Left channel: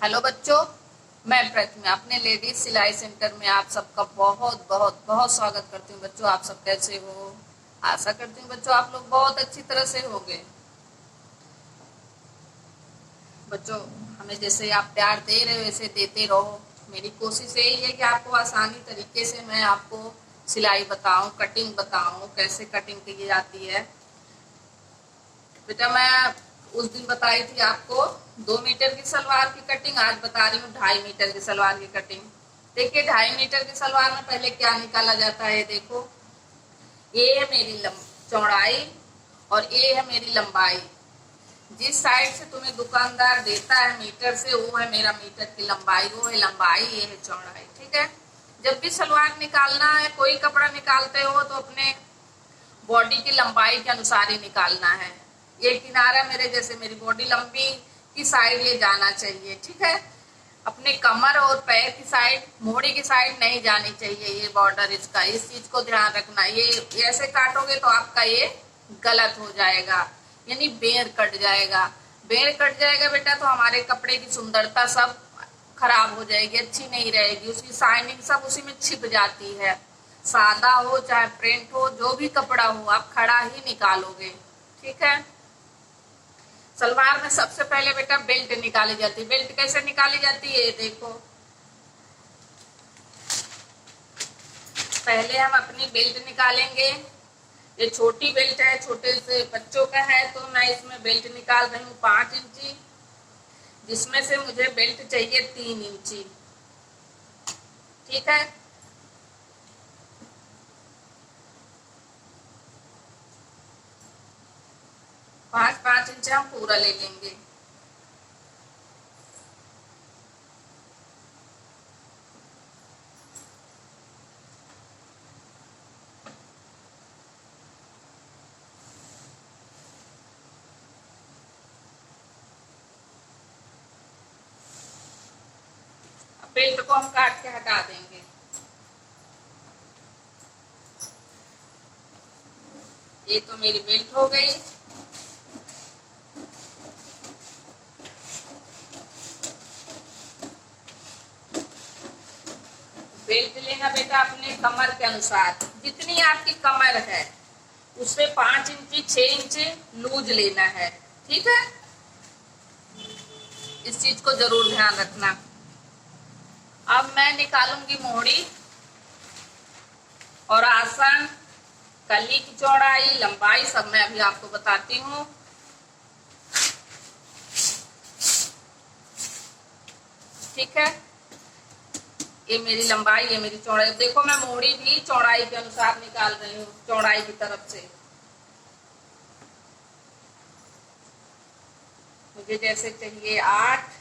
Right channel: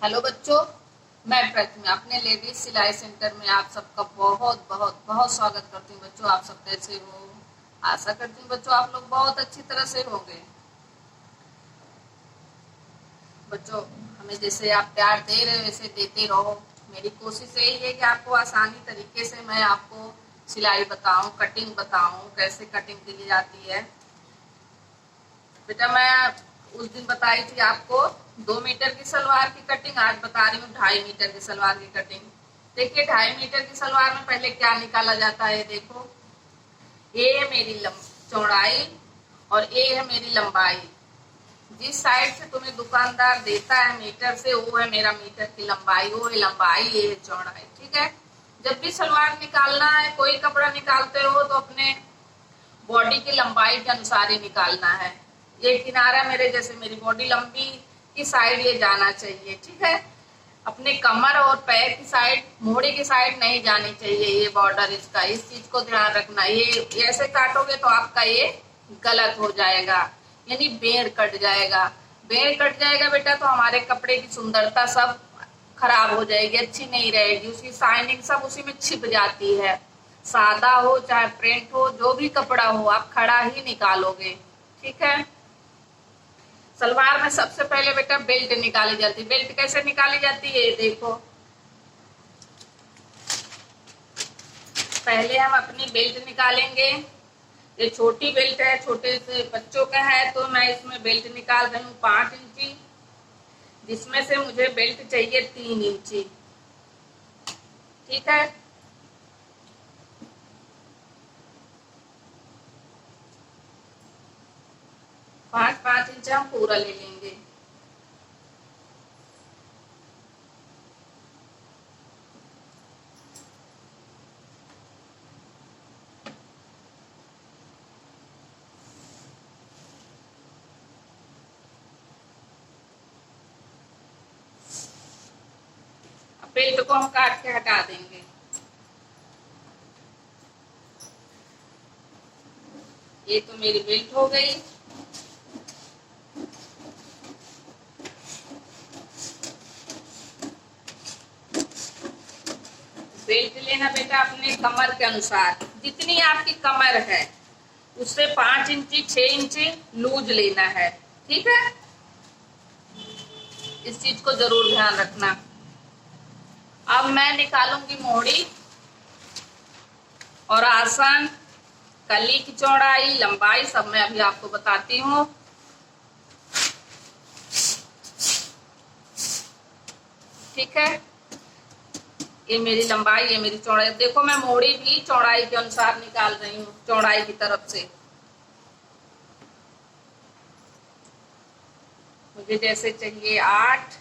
Hello बच्चों, मैं प्रतिमा अपने लेडीज सिलाई सेंटर में आप सबका बहुत बहुत बहुत स्वागत करती हूँ। बच्चों, आप सब कैसे हो? आशा करती हूँ बच्चों आप लोग बहुत अच्छी तरह से होंगे। बच्चों, हमें जैसे आप प्यार दे रहे हो वैसे देते रहो। मेरी कोशिश यही है कि आपको आसानी तरीके से मैं आपको सिलाई बताऊं, कटिंग बताऊं, कैसे कटिंग की जाती है। बेटा, मैं उस दिन बताई थी आपको 2 मीटर की सलवार की कटिंग, आज बता रही हूँ 2.5 मीटर की सलवार की कटिंग। देखिए, 2.5 मीटर की सलवार में पहले क्या निकाला जाता है। देखो, ये है मेरी चौड़ाई और ये है मेरी लंबाई। जिस साइड से तुम्हें दुकानदार देता है मीटर से, वो है मेरा मीटर की लंबाई, वो है लंबाई, ये है चौड़ाई। ठीक है। जब भी सलवार निकालना है, कोई कपड़ा निकालते हो तो अपने बॉडी की लंबाई के अनुसार ही निकालना है। ये किनारा मेरे जैसे मेरी बॉडी लंबी की साइड ये जाना चाहिए। ठीक है। अपने कमर और पैर की साइड, मोड़ी की साइड नहीं जानी चाहिए ये बॉर्डर इसका। इस चीज को ध्यान रखना। ये ऐसे काटोगे तो आपका ये गलत हो जाएगा, यानी बेड़ कट जाएगा। बेड़ कट जाएगा बेटा तो हमारे कपड़े की सुंदरता सब खराब हो जाएगी, अच्छी नहीं रहेगी। उसकी शाइनिंग सब उसी में छिप जाती है। सादा हो चाहे प्रिंट हो, जो भी कपड़ा हो, आप खड़ा ही निकालोगे। ठीक है। सलवार में सबसे पहले बेटा बेल्ट निकाली जाती है। बेल्ट कैसे निकाली जाती है, ये देखो। पहले हम अपनी बेल्ट निकालेंगे। ये छोटी बेल्ट है, छोटे से बच्चों का है, तो मैं इसमें बेल्ट निकाल रही हूँ 5 इंची, जिसमें से मुझे बेल्ट चाहिए 3 इंची। ठीक है। 5-5 इंच हम पूरा ले लेंगे। बेल्ट को हम काट के हटा देंगे। ये तो मेरी बेल्ट हो गई। बेल्ट लेना बेटा अपने कमर के अनुसार, जितनी आपकी कमर है उससे 5 इंची 6 इंची लूज लेना है। ठीक है। इस चीज को जरूर ध्यान रखना। अब मैं निकालूंगी मोड़ी और आसन, कली की चौड़ाई, लंबाई सब मैं अभी आपको बताती हूँ। ठीक है। ये मेरी लंबाई, ये मेरी चौड़ाई। देखो, मैं मोड़ी भी चौड़ाई के अनुसार निकाल रही हूँ, चौड़ाई की तरफ से। मुझे जैसे चाहिए 8,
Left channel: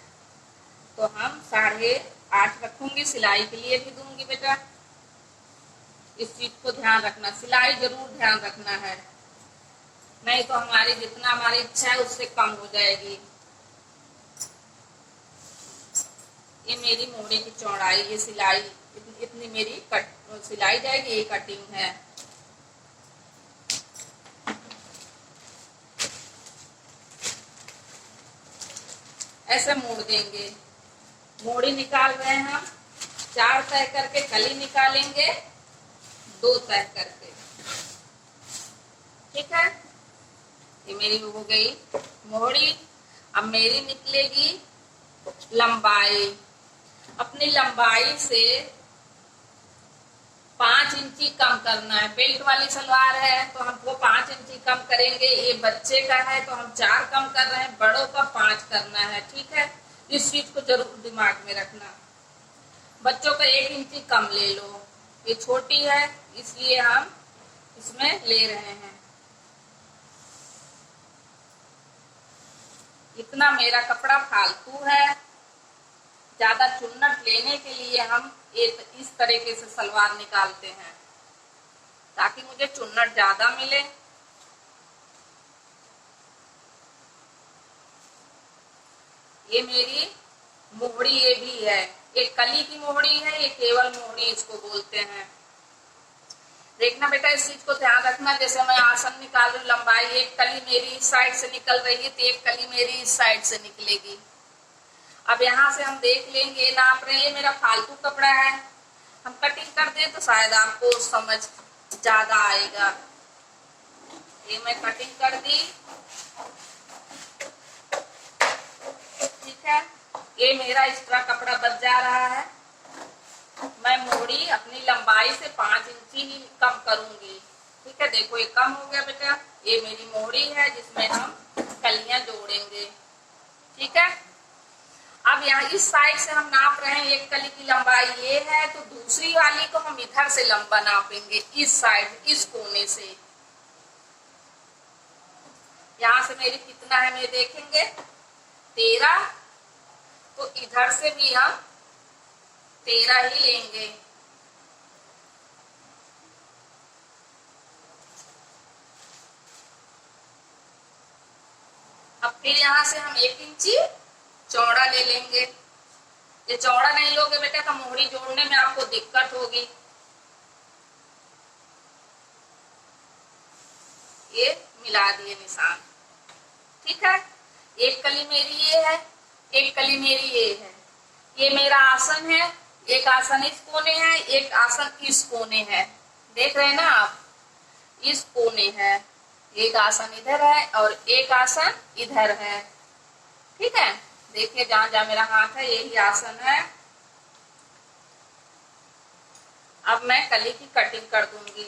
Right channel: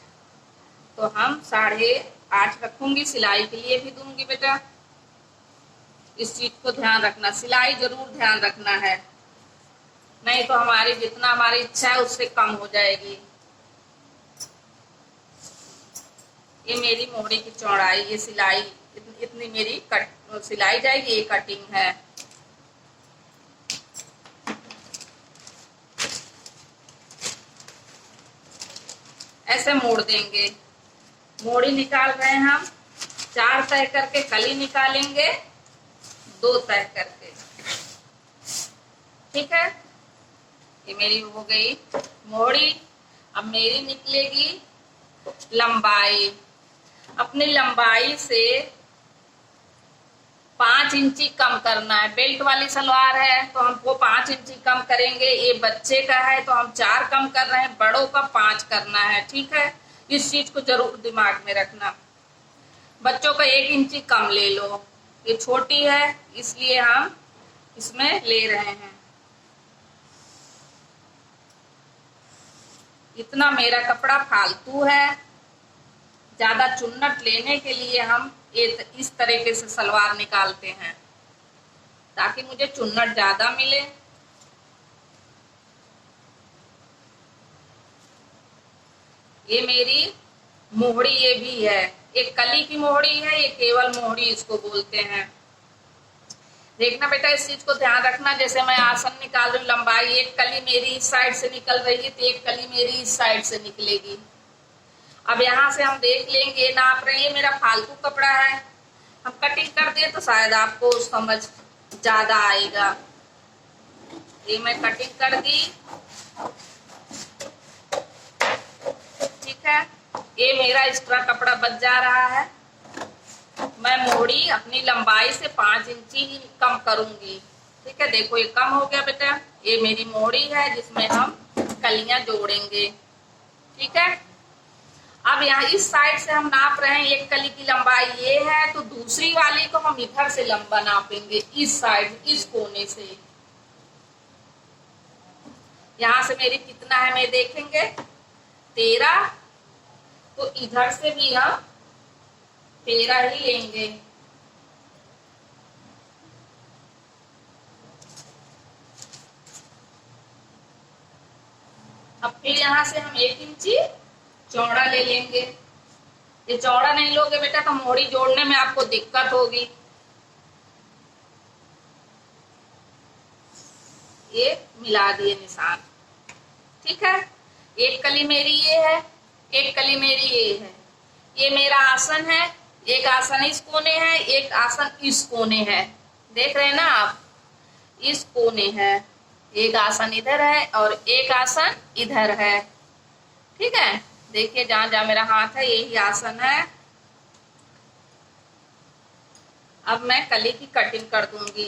तो हम 8.5 रखूंगी। सिलाई के लिए भी दूंगी बेटा। इस चीज को ध्यान रखना, सिलाई जरूर ध्यान रखना है, नहीं तो हमारी जितना हमारी इच्छा है उससे कम हो जाएगी। ये मेरी मोड़ी की चौड़ाई, ये सिलाई इतनी मेरी सिलाई जाएगी। ये कटिंग है। ऐसे मोड़ देंगे। मोड़ी निकाल रहे हैं हम 4 तय करके, कली निकालेंगे 2 तय करके। ठीक है। ये मेरी हो गई मोड़ी। अब मेरी निकलेगी लंबाई। अपनी लंबाई से 5 इंची कम करना है। बेल्ट वाली सलवार है तो हमको 5 इंची कम करेंगे। ये बच्चे का है तो हम 4 कम कर रहे हैं, बड़ों का 5 करना है। ठीक है। इस चीज को जरूर दिमाग में रखना। बच्चों का 1 इंची कम ले लो। ये छोटी है इसलिए हम इसमें ले रहे हैं। इतना मेरा कपड़ा फालतू है। ज्यादा चुन्नट लेने के लिए हम इस तरीके से सलवार निकालते हैं, ताकि मुझे चुन्नट ज्यादा मिले। ये मेरी मोहड़ी, ये भी है, एक कली की मोहड़ी है, ये केवल मोहड़ी इसको बोलते हैं। देखना बेटा, इस चीज को ध्यान रखना। जैसे मैं आसन निकाल रही हूँ, लंबाई, एक कली मेरी इस साइड से निकल रही है तो एक कली मेरी इस साइड से निकलेगी। अब यहाँ से हम देख लेंगे, नाप रहे हैं, ये मेरा फालतू कपड़ा है, हम कटिंग कर दें तो शायद आपको समझ ज्यादा आएगा। ये मैं कटिंग कर दी, ठीक है। ये मेरा एक्स्ट्रा कपड़ा बच जा रहा है, मैं मोड़ी अपनी लंबाई से 5 इंची ही कम करूंगी, ठीक है। देखो ये कम हो गया बेटा, ये मेरी मोड़ी है जिसमें हम कलियां जोड़ेंगे, ठीक है। अब यहाँ इस साइड से हम नाप रहे हैं, एक कली की लंबाई ये है, तो दूसरी वाली को हम इधर से लंबा नापेंगे, इस साइड, इस कोने से। यहाँ से मेरी कितना है मैं देखेंगे, 13, तो इधर से भी हम 13 ही लेंगे। अब फिर यहाँ से हम 1 इंची चौड़ा ले लेंगे। ये चौड़ा नहीं लोगे बेटा तो मोड़ी जोड़ने में आपको दिक्कत होगी। ये मिला दिए निशान, ठीक है। एक कली मेरी ये है, एक कली मेरी ये है। ये मेरा आसन है, एक आसन इस कोने है, एक आसन इस कोने है, देख रहे हैं ना आप, इस कोने है। एक आसन इधर है और एक आसन इधर है, ठीक है। देखिए जहां जहां मेरा हाथ है यही आसन है। अब मैं कली की कटिंग कर दूंगी,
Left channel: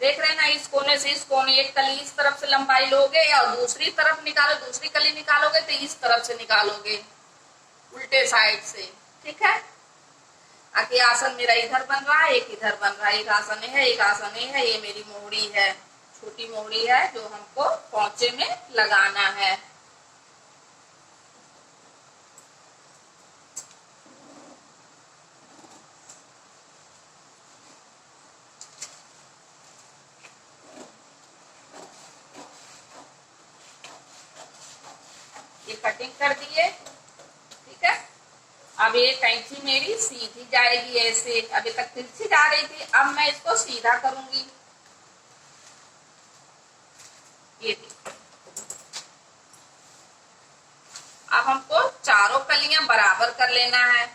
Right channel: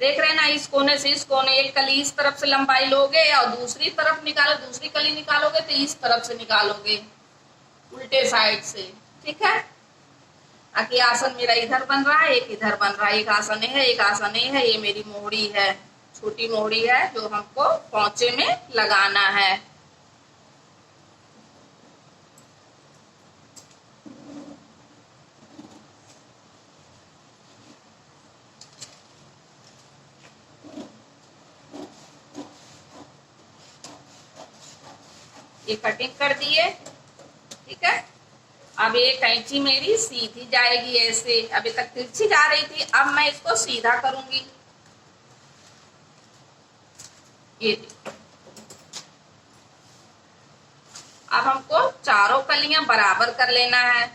देख रहे हैं ना, इस कोने से इस कोने, एक कली इस तरफ से लंबाई लोगे और दूसरी तरफ निकालो, दूसरी कली निकालोगे तो इस तरफ से निकालोगे, उल्टे साइड से, ठीक है। आगे आसन मेरा इधर बन रहा है, एक इधर बन रहा है, एक आसन है, एक आसन है। ये मेरी मोहड़ी है, छोटी मोहड़ी है जो हमको पोंचे में लगाना है। ये कटिंग कर दिए, ठीक है। अब ये कैंची मेरी सीधी जाएगी ऐसे, अभी तक तिरछी जा रही थी, अब मैं इसको सीधा करूंगी। ये देखो, अब हमको चारों कलियां बराबर कर लेना है।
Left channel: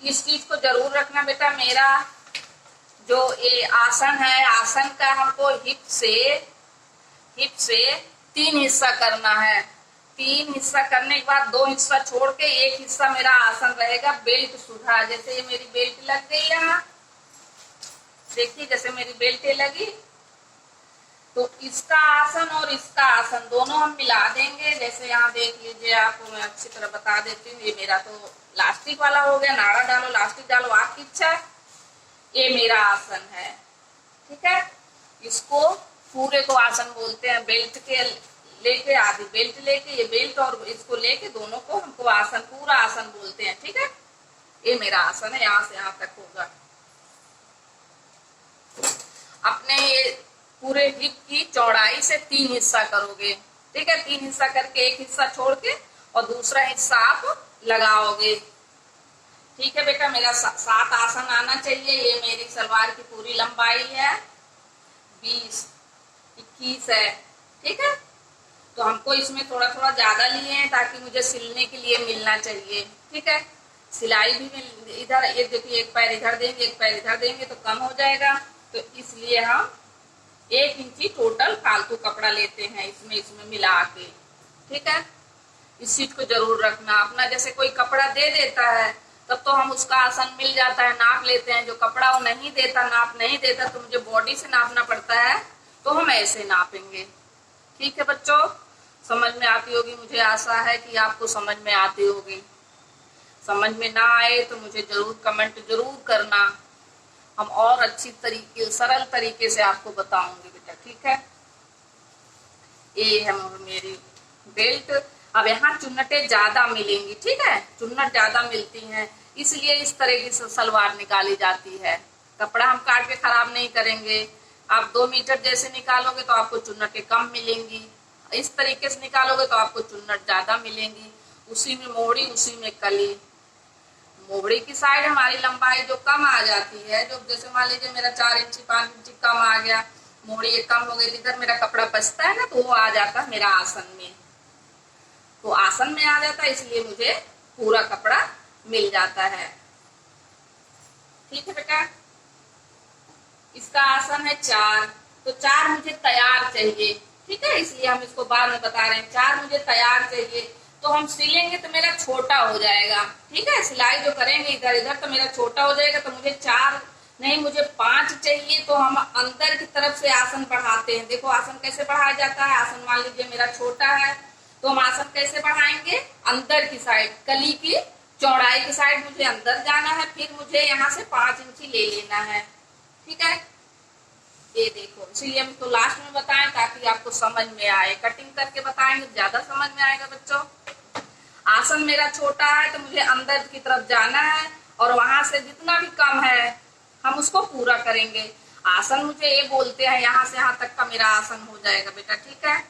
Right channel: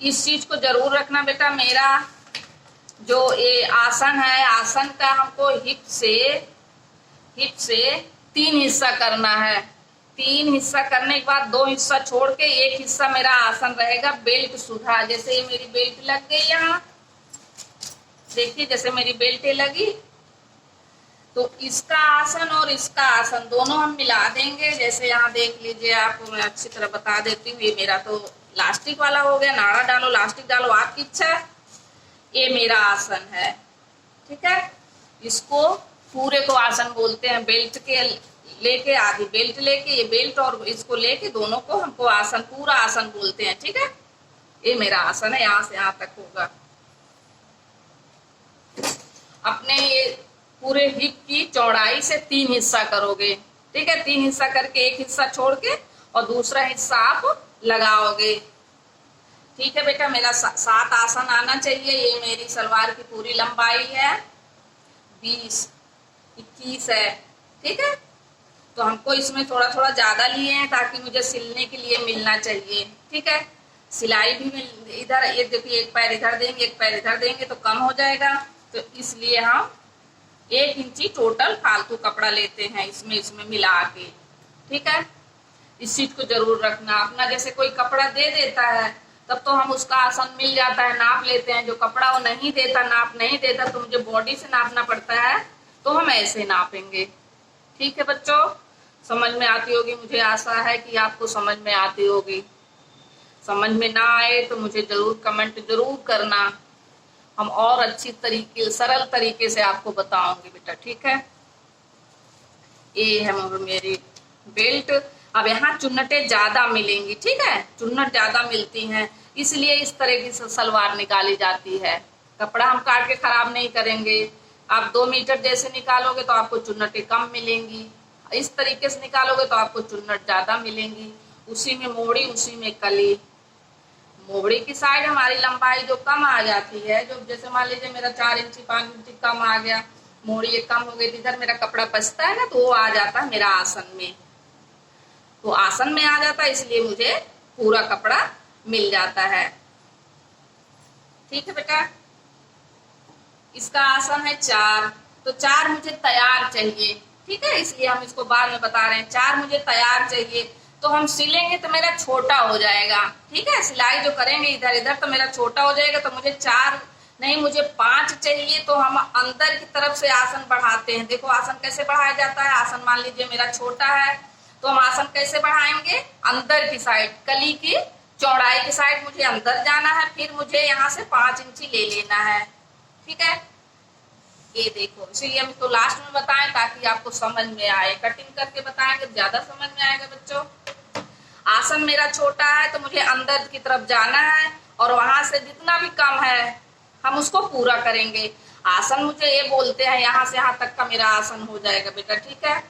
इस चीज को जरूर रखना बेटा, मेरा जो ये आसन है, आसन का हमको हिप से 3 हिस्सा करना है। 3 हिस्सा करने के बाद 2 हिस्सा छोड़ के 1 हिस्सा मेरा आसन रहेगा बेल्ट सुधा। जैसे ये मेरी बेल्ट लग गई यहाँ, देखिए जैसे मेरी बेल्ट लगी, तो इसका आसन और इसका आसन दोनों हम मिला देंगे। जैसे यहाँ देख लीजिए, आपको मैं अच्छी तरह बता देती हूँ। ये मेरा तो लास्टिक वाला हो गया, नाड़ा डालो लास्टिक डालो आपकी इच्छा है। ये मेरा आसन है, ठीक है। इसको पूरे को आसन बोलते हैं। बेल्ट के लेके आधी बेल्ट लेके, ये बेल्ट और इसको लेके दोनों को हमको आसन, पूरा आसन बोलते हैं, ठीक है। ये मेरा आसन है, यहाँ से यहाँ तक होगा। अपने ये पूरे हिप की चौड़ाई से 3 हिस्सा करोगे, ठीक है। 3 हिस्सा करके 1 हिस्सा छोड़ के और दूसरा हिस्सा आप लगाओगे, ठीक है बेटा। मेरा 7 आसन आना चाहिए। ये मेरी सलवार की पूरी लंबाई है 20-21 है, ठीक है। तो हमको इसमें थोड़ा थोड़ा ज्यादा लिए हैं ताकि मुझे सिलने के लिए मिलना चाहिए, ठीक है। सिलाई भी इधर, ये देखिए, एक पैर इधर देंगे एक पैर इधर देंगे तो कम हो जाएगा, तो इसलिए हम 1 इंची टोटल फालतू कपड़ा लेते हैं इसमें मिला के, ठीक है। इस चीज को जरूर रखना। अपना जैसे कोई कपड़ा दे देता है तब तो हम उसका आसन मिल जाता है, नाप लेते हैं। जो कपड़ा वो नहीं देता, नाप नहीं देता, तो मुझे बॉडी से नापना पड़ता है, तो हम ऐसे नापेंगे, ठीक है बच्चों। समझ में आती होगी, मुझे आशा है कि आपको समझ में आती होगी। समझ में ना आए तो मुझे जरूर कमेंट जरूर करना, हम और अच्छी तरीके, सरल तरीके से आपको बताऊंगी बेटा, ठीक है। ये है मेरी बेल्ट। अब यहाँ चुन्नटें ज्यादा मिलेंगी, ठीक है, चुन्नट ज्यादा मिलती हैं, इसलिए इस तरह की सलवार निकाली जाती है। कपड़ा हम काट के खराब नहीं करेंगे। आप 2 मीटर जैसे निकालोगे तो आपको चुन्नटें कम मिलेंगी, इस तरीके से निकालोगे तो आपको चुन्नट ज्यादा मिलेंगी। उसी में मोड़ी, उसी में कली। मोहड़ी की साइड हमारी लंबाई जो कम आ जाती है, जो जैसे मान लीजिए मेरा 4 इंची 5 इंची कम आ गया, मोड़ी एक कम हो गई थी, इधर मेरा कपड़ा बचता है ना, तो वो आ जाता है मेरा आसन में, तो आसन में आ जाता है, इसलिए मुझे पूरा कपड़ा मिल जाता है। ठीक है बेटा, इसका आसन है 4, तो 4 मुझे तैयार चाहिए। ठीक है, इसलिए हम इसको बाद में बता रहे हैं। 4 मुझे तैयार चाहिए, तो हम सिलेंगे तो मेरा छोटा हो जाएगा। ठीक है, सिलाई जो करेंगे इधर इधर तो मेरा छोटा हो जाएगा, तो मुझे 4 नहीं मुझे 5 चाहिए। तो हम अंदर की तरफ से आसन बढ़ाते हैं। देखो आसन कैसे बढ़ाया जाता है। आसन मान लीजिए मेरा छोटा है, तो हम आसन कैसे बढ़ाएंगे, अंदर की साइड, कली की चौड़ाई की साइड मुझे अंदर जाना है, फिर मुझे यहाँ से 5 इंची ले लेना है। ठीक है, ये देखो, इसीलिए हम इसको लास्ट में बताएं ताकि आपको समझ में आए। कटिंग करके बताएंगे ज्यादा समझ में आएगा बच्चों। आसन मेरा छोटा है, तो मुझे अंदर की तरफ जाना है, और वहां से जितना भी कम है हम उसको पूरा करेंगे। आसन मुझे ये बोलते हैं, यहाँ से यहाँ तक का मेरा आसन हो जाएगा बेटा। ठीक है,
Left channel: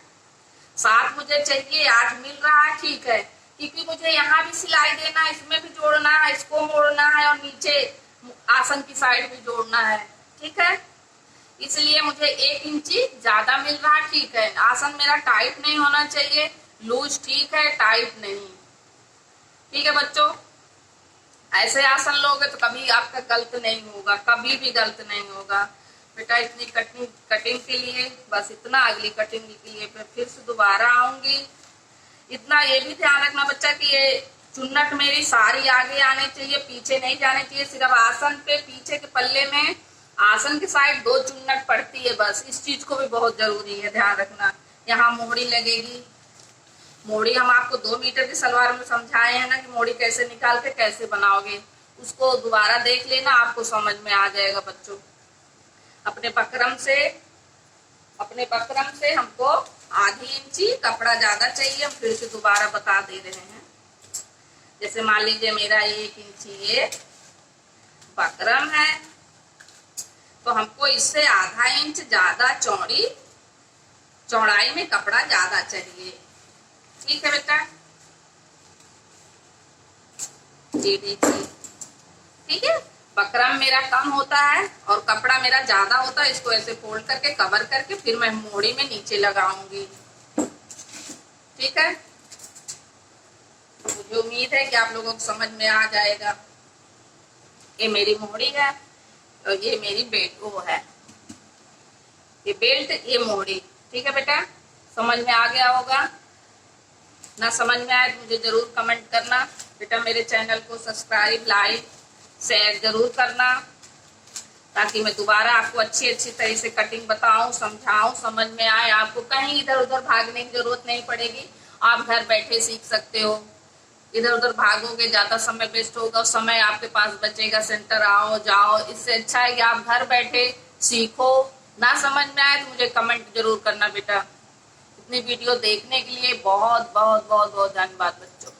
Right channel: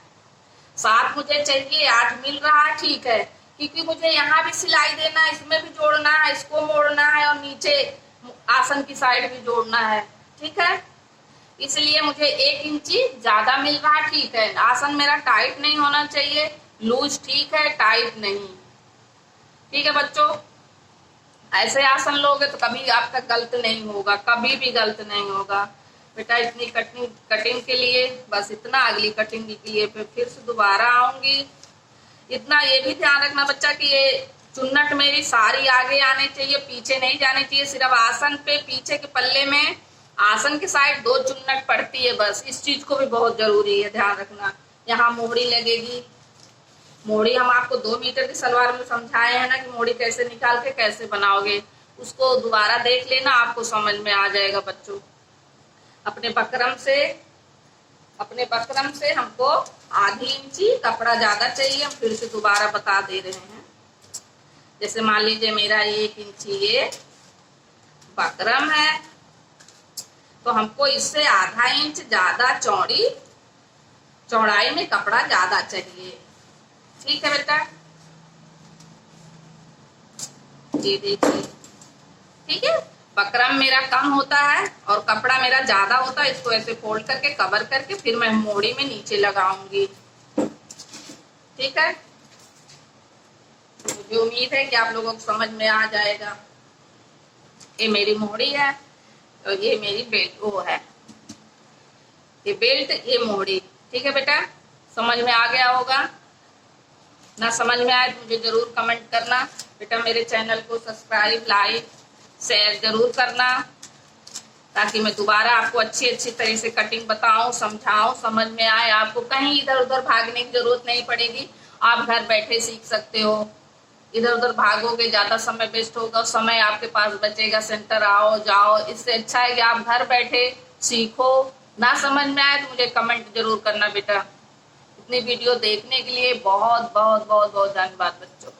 7 मुझे चाहिए, 8 मिल रहा है। ठीक है, क्योंकि मुझे यहाँ भी सिलाई देना है, इसमें भी जोड़ना है, इसको मोड़ना है, और नीचे आसन की साइड भी जोड़ना है। ठीक है, इसलिए मुझे 1 इंची ज्यादा मिल रहा है। ठीक है, आसन मेरा टाइट नहीं होना चाहिए, लूज ठीक है, टाइट नहीं। ठीक है बच्चों, ऐसे आसन लोगे तो कभी आपका गलत नहीं होगा, कभी भी गलत नहीं होगा बेटा। इतनी कटिंग के लिए बस इतना, अगली कटिंग के लिए फिर से दोबारा आऊंगी। इतना ये भी ध्यान रखना बच्चा कि ये चुन्नट मेरी सारी आगे आने चाहिए, पीछे नहीं जाने चाहिए। सिर्फ आसन पे पीछे के पल्ले में आसन की साइड 2 चुन्नट पड़ती है बस। इस चीज को भी बहुत जरूरी है ध्यान रखना। यहाँ मोड़ी लगेगी, मोड़ी हम आपको 2 मीटर की सलवार में समझाए हैं ना कि मोड़ी कैसे निकाल के कैसे बनाओगे, उसको दोबारा देख लेना, आपको समझ में आ जाएगा बच्चों। अपने बकरम से हमको आधी इंची कपड़ा ज्यादा चाहिए। हम फिर से दोबारा बता दे रहे हैं। जैसे मान लीजिए मेरा 1 इंची ये बकरम है, तो हमको इससे आधा इंच ज्यादा चौड़ाई में कपड़ा ज्यादा चाहिए। ठीक है बेटा, ये देखिए। ठीक है, बकरम मेरा कम होता है और कपड़ा मेरा ज्यादा होता है। इसको ऐसे फोल्ड करके कवर करके फिर मैं मोड़ी में नीचे लगाऊंगी। ठीक है, मुझे उम्मीद है कि आप लोगों को समझ में आ जाएगा। ये मेरी मोड़ी है और ये मेरी बेल्ट वो है, ये बेल्ट ये मोड़ी। ठीक है बेटा, समझ में आ गया होगा ना? समझ में आए तो मुझे जरूर कमेंट करना बेटा। मेरे चैनल को सब्सक्राइब, लाइक, शेयर जरूर करना, ताकि मैं दोबारा आपको अच्छी तरह से कटिंग बताऊं, समझाऊं, समझ में आए। आपको कहीं इधर उधर भागने की जरूरत नहीं पड़ेगी, आप घर बैठे सीख सकते हो। इधर उधर भागोगे ज्यादा समय वेस्ट होगा, समय आपके पास बचेगा। सेंटर आओ जाओ, इससे अच्छा है कि आप घर बैठे सीखो। ना समझ में आए तो मुझे कमेंट जरूर करना बेटा। इतनी वीडियो देखने के लिए बहुत बहुत बहुत बहुत धन्यवाद बच्चों।